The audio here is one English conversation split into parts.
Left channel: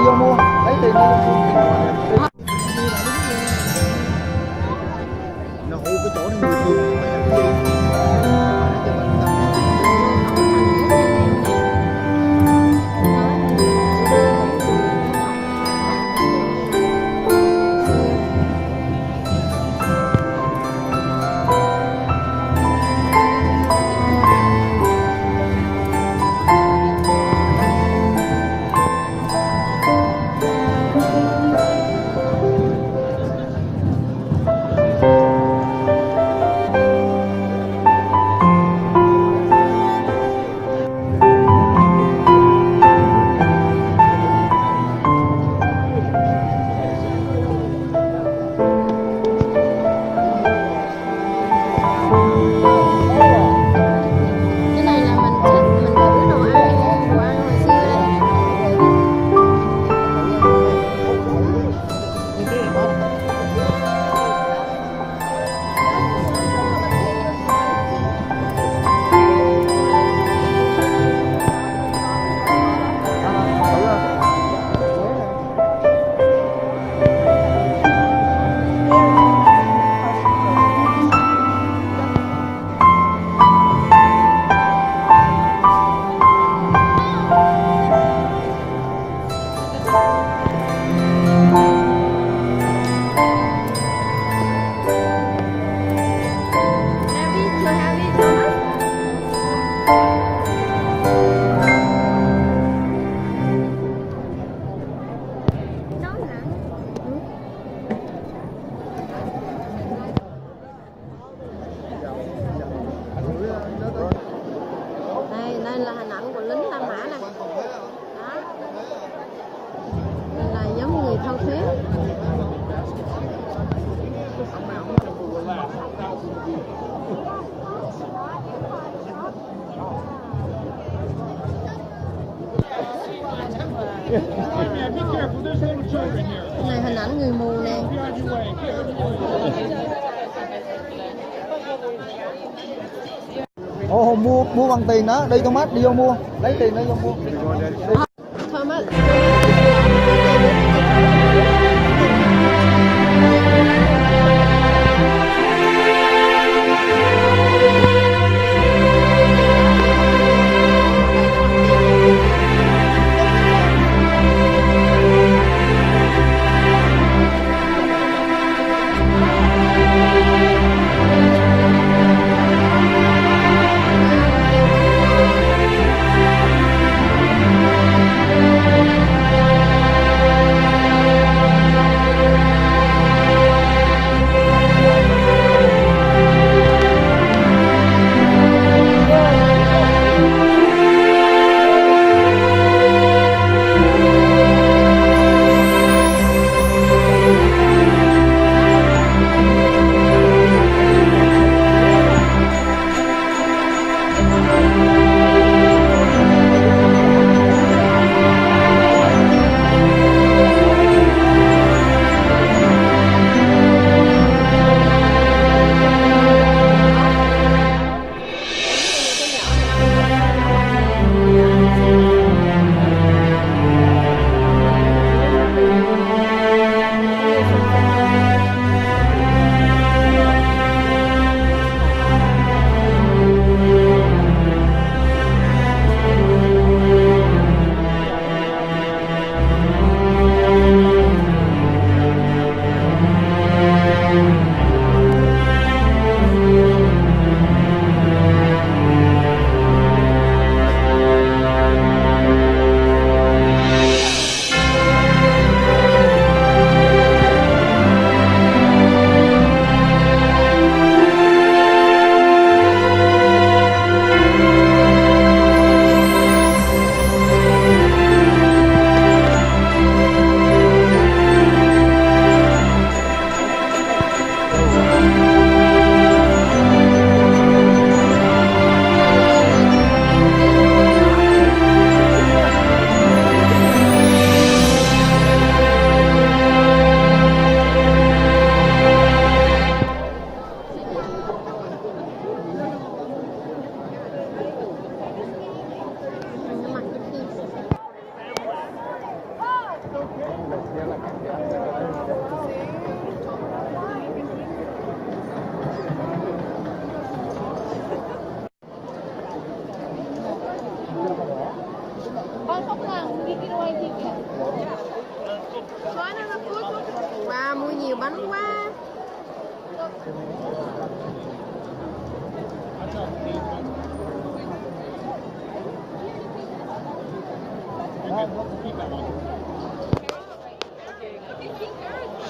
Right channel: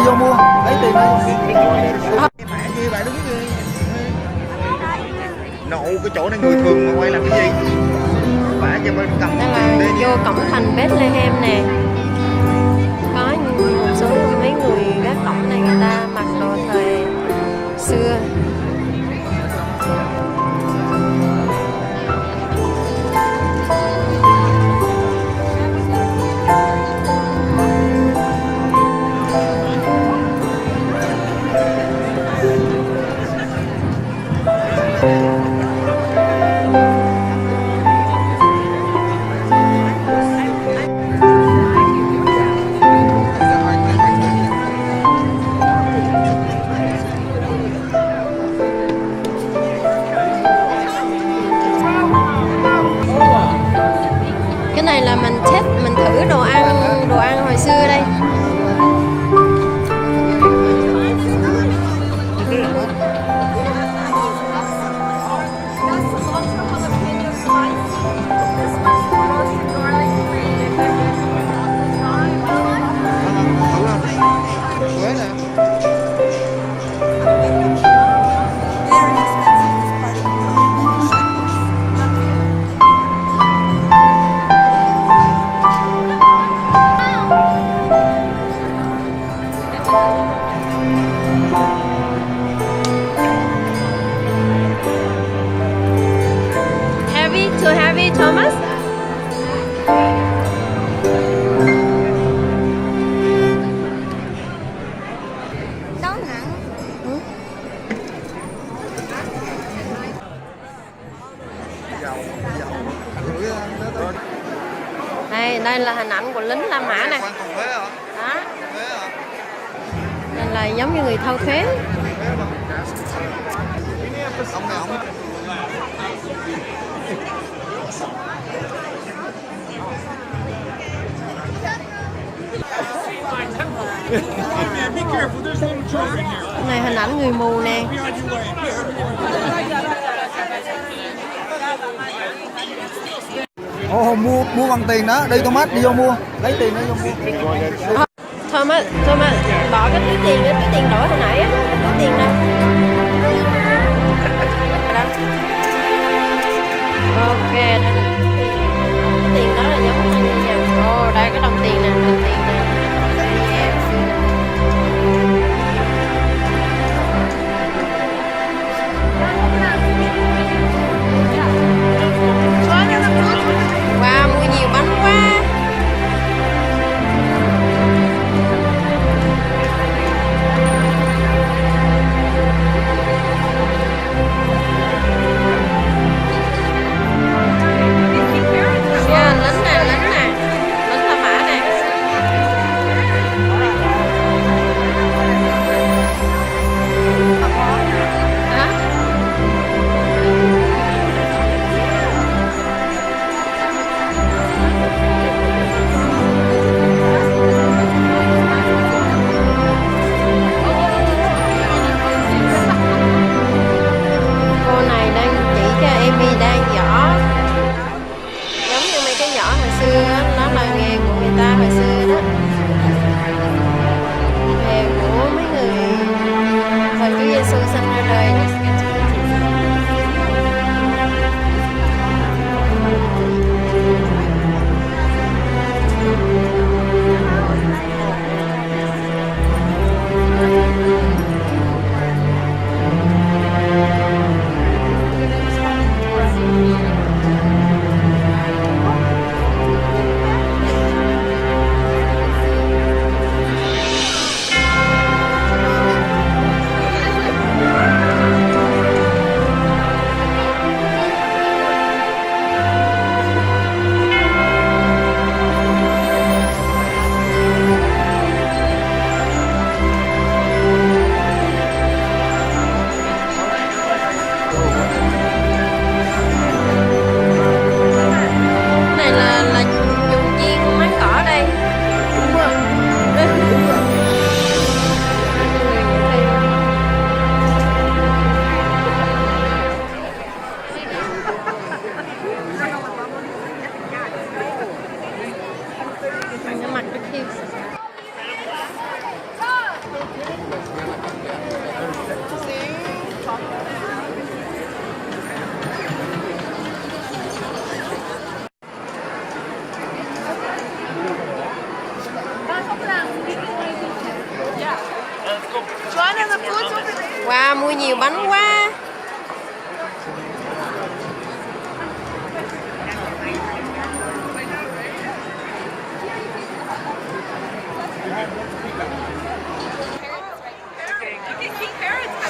đi vô mua lấy tiền đây. Mẹ bà đứng kia. Nộ cái chỗ này người thường mà quay làm cái gì? Bả cho bên cầm Đây là vô cổng thành Bethlehem nè. Có một số mấy người gác cổng này người ta mặc đồ thời xưa. Cái này là mình test, mình thử đồ ăn hồi xưa đây. Quế nè. Heavy, too heavy, Thomas? Đó nặng. Đây là hình ảnh của lính La Mã nè. Quan còn Quế hả? Đó, Quế hả? đây là giống như người thâu thuế. Ông nào ông Cái này hình ảnh người mù nè. Ồ, mua bằng tiền đó, đi Thomas đi vô mua, lấy tiền đi vô mua. Thomas, bỏ cái túi tiền với cái tiền đổi hồi nãy á. Có tiền đâu. Đó. Ok. Tiền đó là giống như nè. Ồ, đây cái đồng tiền nè, đồng tiền nè. Wow, mua nhiều bánh quá.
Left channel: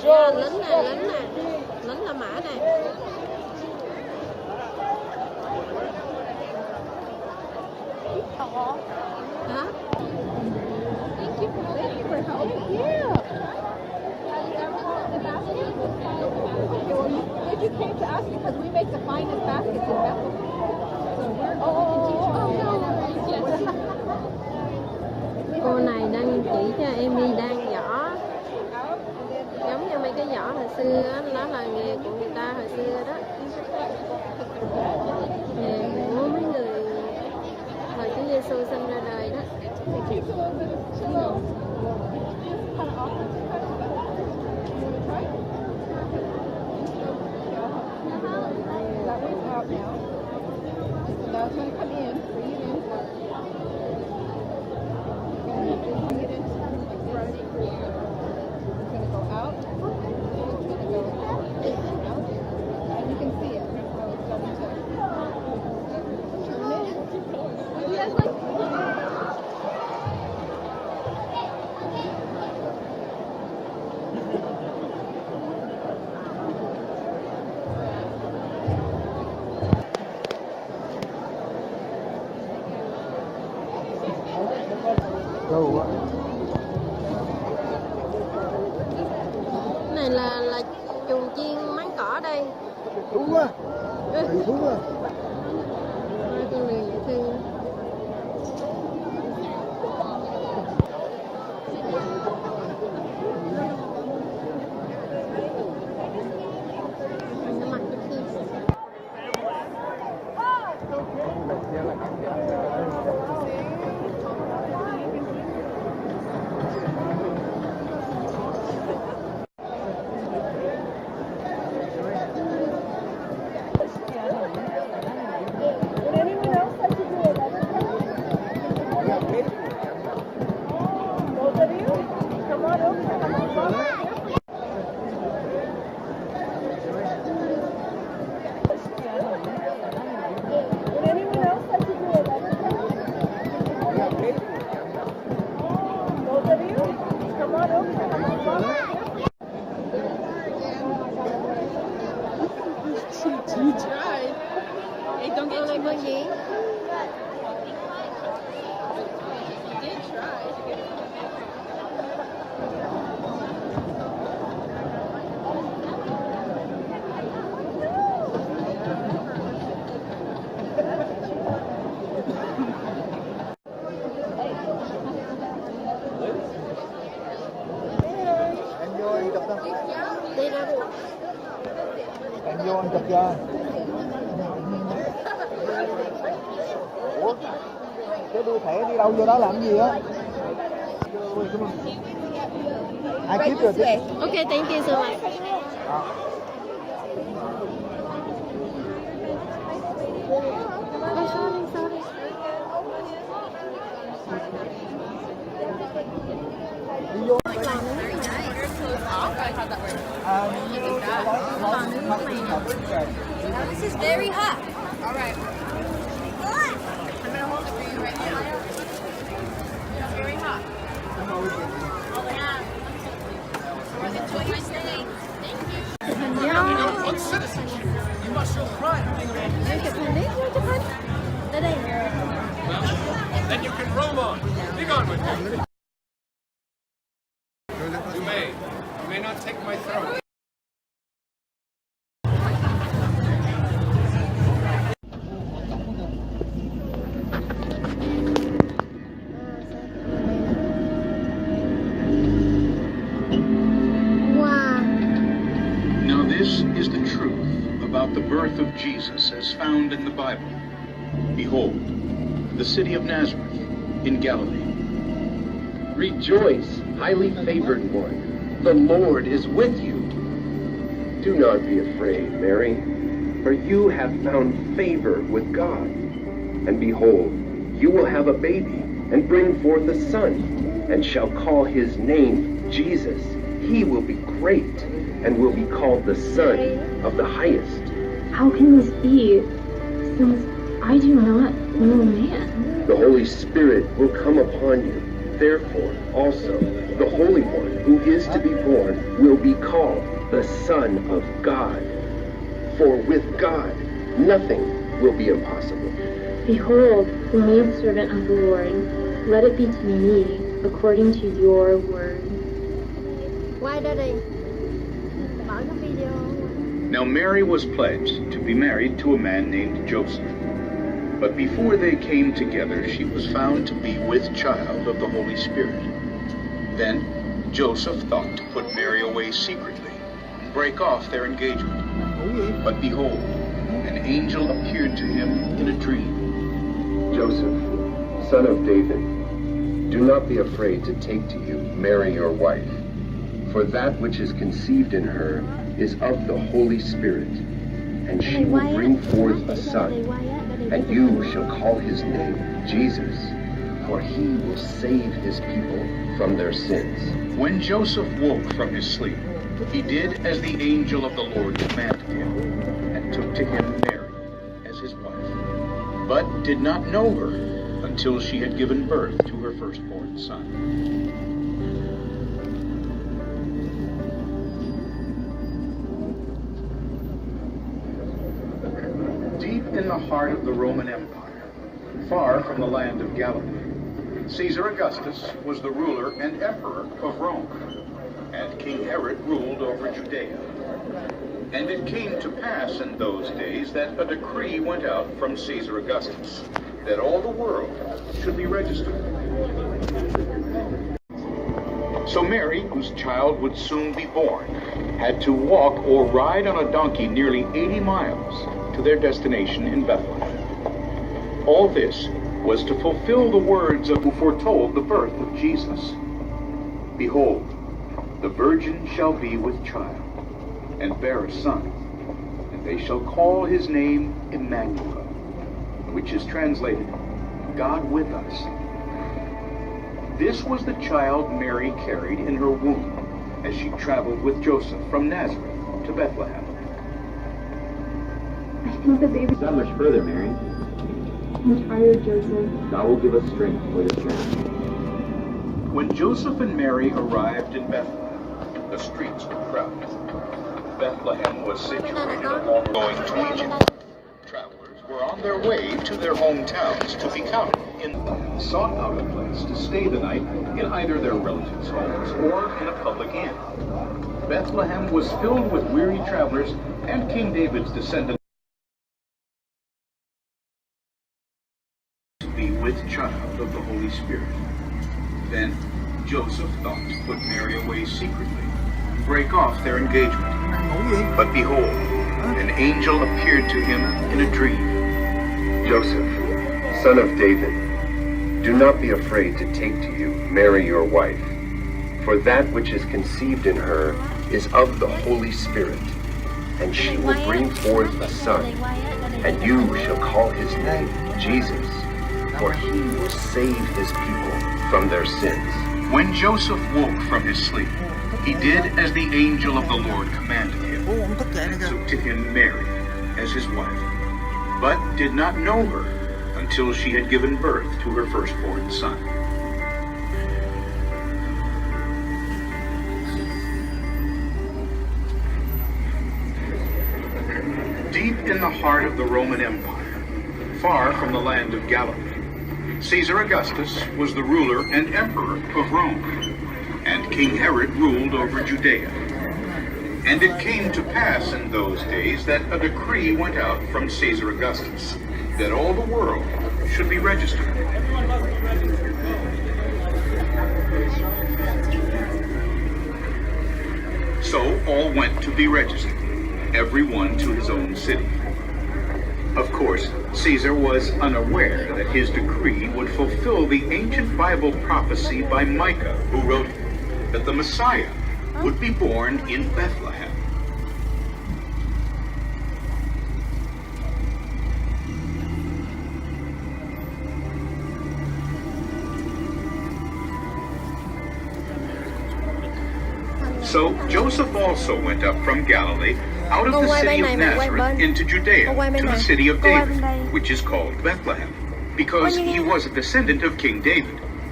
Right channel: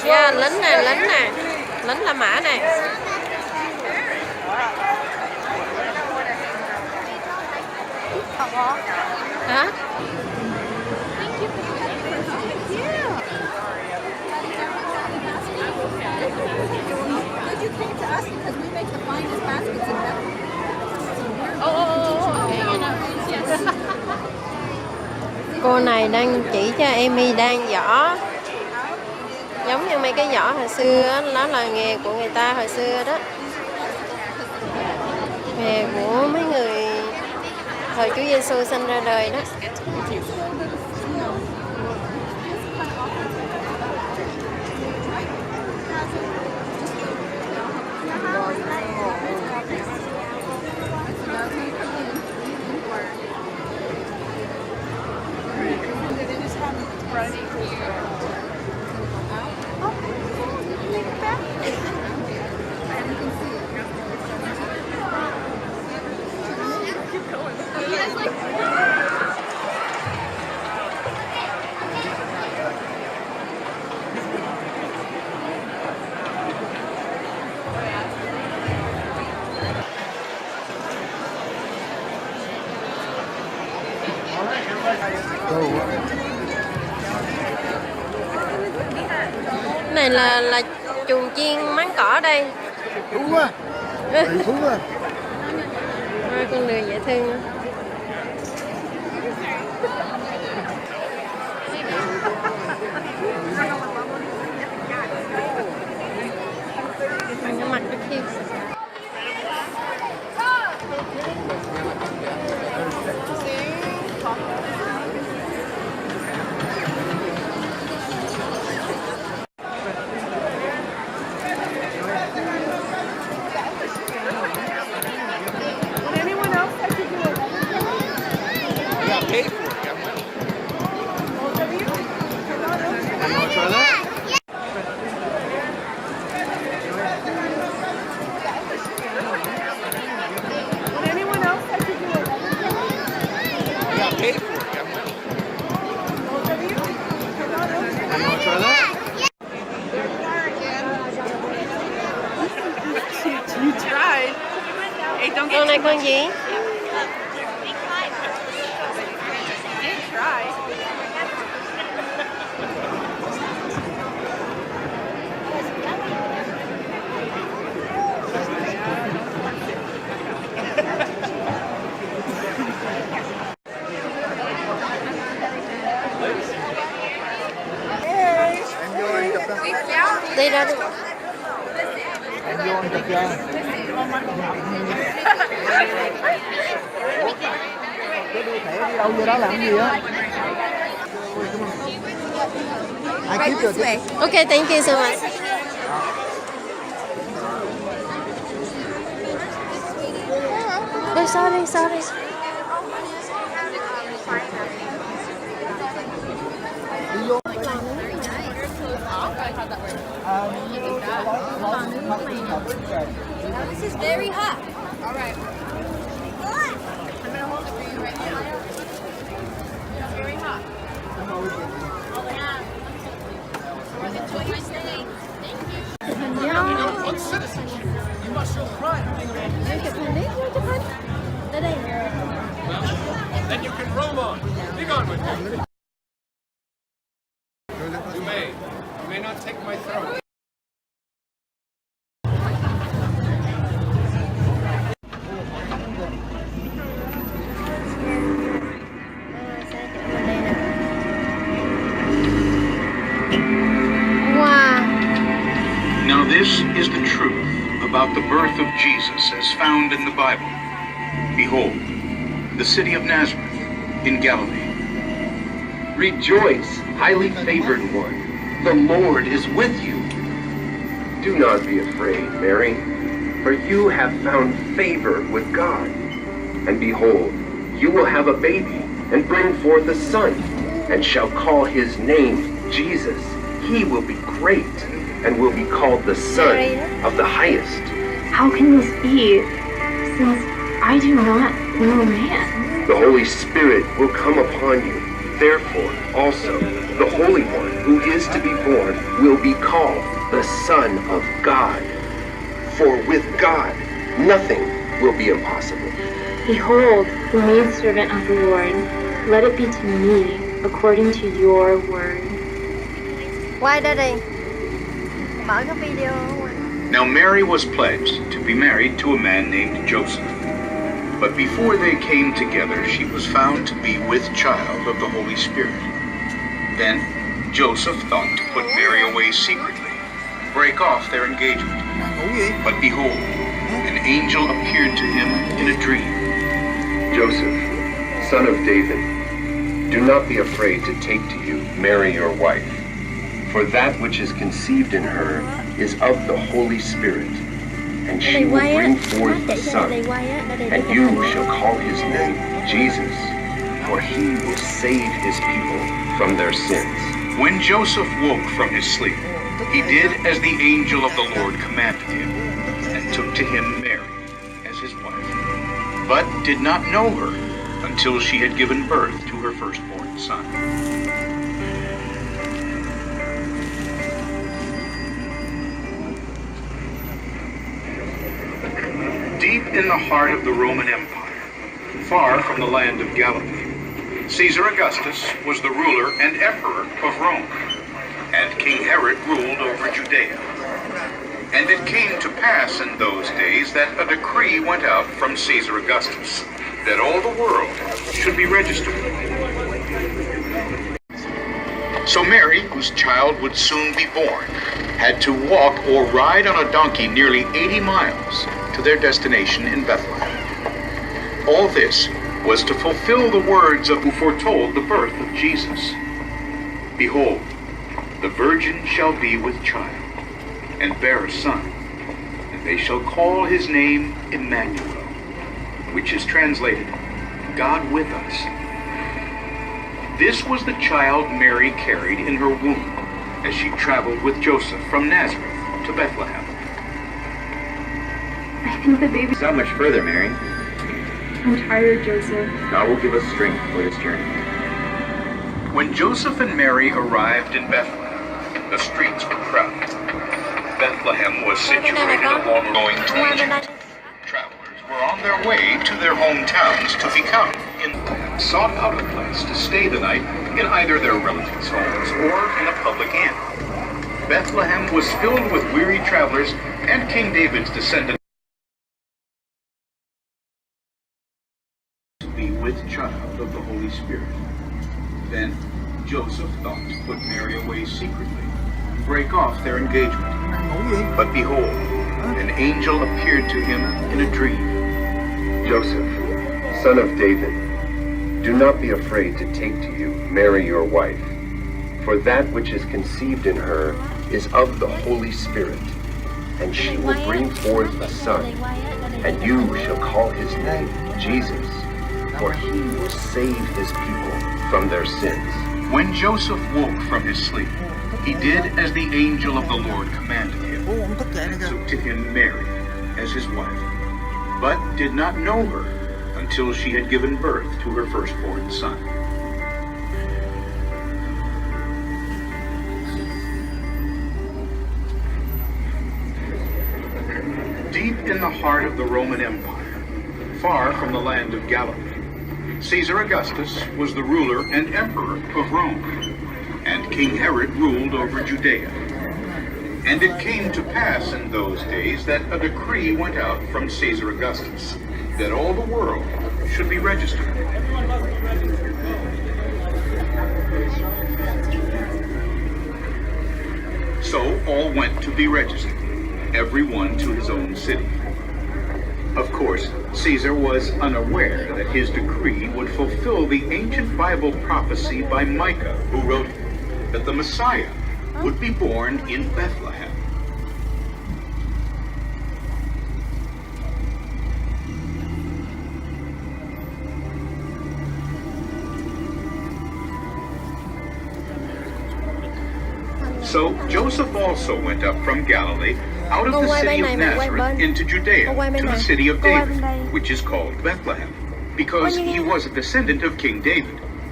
Yeah, lính nè, lính nè. Lính La Mã nè. Hả? Could you came to us because we make the finest baskets in Bethlehem. Cô này đang chỉ cho Amy đan giỏ. Giống như mấy cái giỏ hồi xưa á, đó là nghề của người ta hồi xưa đó. Nghề của mấy người thời Chúa Giêsu sinh ra đời đó. Này là chuồng chiên máng cỏ đây. Đúng quá. Đúng rồi. Hai con lừa dễ thương. Nó mặc cái khiêu. Con này con gì? Đi ra đi. Em vô anh chụp cho. Cái đu thẻ đi đâu vô đó làm gì á? Ai kiếp rồi chứ? Okay, thank you so much. Oh, sorry, sorry. Đi vô. This is very hot. All right. I'm gonna hold it for you right now. It's very hot. Enjoy your stay. Thank you. On citizenship, you must show pride in being an Well, then you can roam on. Be gone with you. You may not take my throne. Now this is the truth about the birth of Jesus as found in the Bible. Behold, the city of Nazareth in Galilee. Rejoice, highly favored one. The Lord is with you. Do not be afraid, Mary, for you have found favor with God. And behold, you will have a baby and bring forth a son, and shall call his name Jesus. He will be great and will be called the Son of the Highest. How can this be, since I do not know man? The Holy Spirit will come upon you. Therefore, also, The Holy One who is to be born will be called the Son of God. For with God, nothing will be impossible. Behold, the maidservant of the Lord, let it be to me according to your word. Quay ra đi. Mở cái video qua. Now Mary was pledged to be married to a man named Joseph. But before they came together, she was found to be with child of the Holy Spirit. Then Joseph thought to put Mary away secretly, break off their engagement. Ngủ gì? But behold, an angel appeared to him in a dream. Joseph, son of David, do not be afraid to take to you Mary your wife, for that which is conceived in her is of the Holy Spirit, and she will bring forth a son, and you shall call his name Jesus, for he will save his people from their sins. When Joseph woke from his sleep, he did as the angel of the Lord commanded him, and took to him Mary as his wife, but did not know her until she had given birth to her firstborn son. Deep in the heart of the Roman Empire, far from the land of Galilee, Caesar Augustus was the ruler and emperor of Rome, and King Herod ruled over Judea. And it came to pass in those days that a decree went out from Caesar Augustus that all the world should be registered. So Mary, whose child would soon be born, had to walk or ride on a donkey nearly 80 miles to their destination in Bethlehem. All this was to fulfill the words of who foretold the birth of Jesus. Behold, the virgin shall be with child, and bear a son, and they shall call his name Emmanuel, which is translated, God with us. This was the child Mary carried in her womb as she traveled with Joseph from Nazareth to Bethlehem. I think the baby. Not much further, Mary. I'm tired, Joseph. God will give us strength for this journey. When Joseph and Mary arrived in Bethlehem, the streets were crowded. Bethlehem was situated along going to Egypt. Travelers were on their way to their hometowns to become in sought out a place to stay the night in either their relatives' homes or in a public inn. Bethlehem was filled with weary travelers and King David's descendants to be with child of the Holy Spirit. Then Joseph thought to put Mary away secretly, break off their engagement. Ngủ gì? But behold, an angel appeared to him in a dream. Joseph, son of David, do not be afraid to take to you Mary your wife, for that which is conceived in her is of the Holy Spirit, and she will bring forth a son, and you shall call his name Jesus, for he will save his people from their sins. When Joseph woke from his sleep, he did as the angel of the Lord commanded him, Ủa, ông thức dậy nè kìa. took to him Mary as his wife, but did not know her until she had given birth to her firstborn son. Deep in the heart of the Roman Empire, far from the land of Galilee, Caesar Augustus was the ruler and emperor of Rome, and King Herod ruled over Judea. And it came to pass in those days that a decree went out from Caesar Augustus that all the world should be registered. So all went to be registered, every one to his own city. Of course, Caesar was unaware that his decree would fulfill the ancient Bible prophecy by Micah, who wrote that the Messiah would be born in Bethlehem. So Joseph also went up from Galilee out of the city of Nazareth into Judea to the city of David, which is called Bethlehem, because he was a descendant of King David.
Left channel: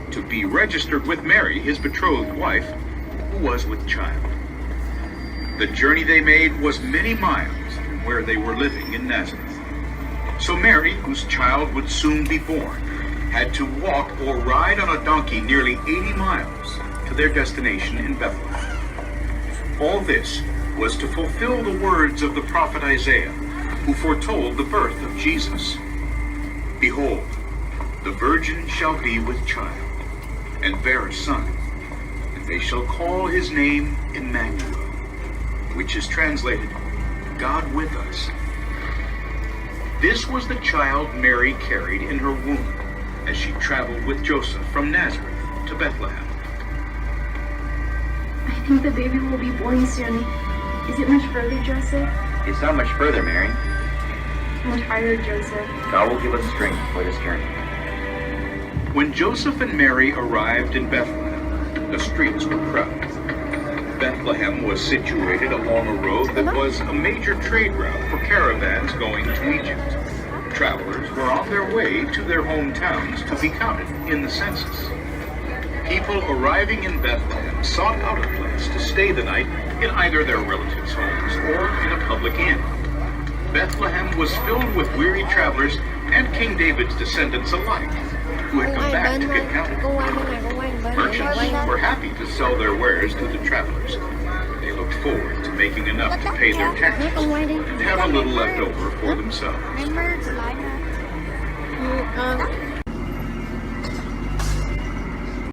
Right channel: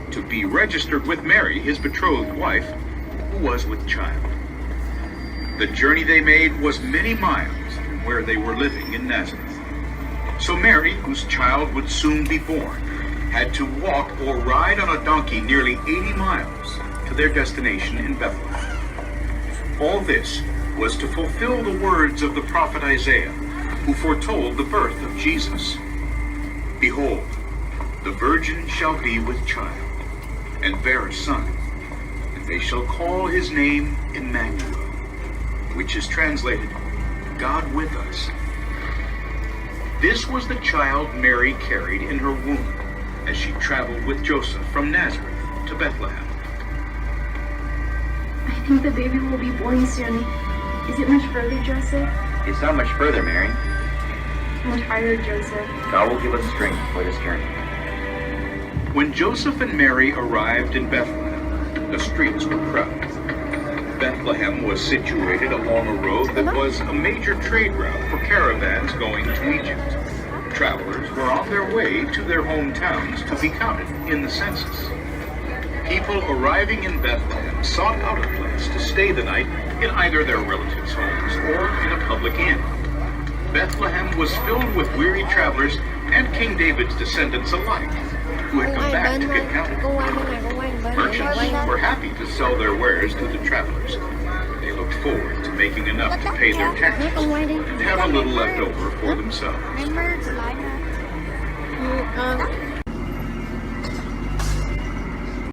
to be registered with Mary, his betrothed wife, who was with child. The journey they made was many miles from where they were living in Nazareth. So Mary, whose child would soon be born, had to walk or ride on a donkey nearly 80 miles to their destination in Bethlehem. All this was to fulfill the words of the prophet Isaiah, who foretold the birth of Jesus. Behold, the virgin shall be with child, and bear a son, and they shall call his name Emmanuel, which is translated, God with us. This was the child Mary carried in her womb as she traveled with Joseph from Nazareth to Bethlehem. I think the baby will be born soon. Is it much further, Joseph? It's not much further, Mary. I'm tired, Joseph. God will give us strength for this journey. When Joseph and Mary arrived in Bethlehem, the streets were crowded. Bethlehem was situated along a road that was a major trade route for caravans going to Egypt. Travelers were on their way to their hometowns to be counted in the census. People arriving in Bethlehem sought out a place to stay the night in either their relatives' homes or in a public inn. Bethlehem was filled with weary travelers and King David's descendants alike, who had come back to get counted. Merchants were happy to sell their wares to the travelers. They looked forward to making enough to pay their taxes and have a little left over for themselves. Ừ,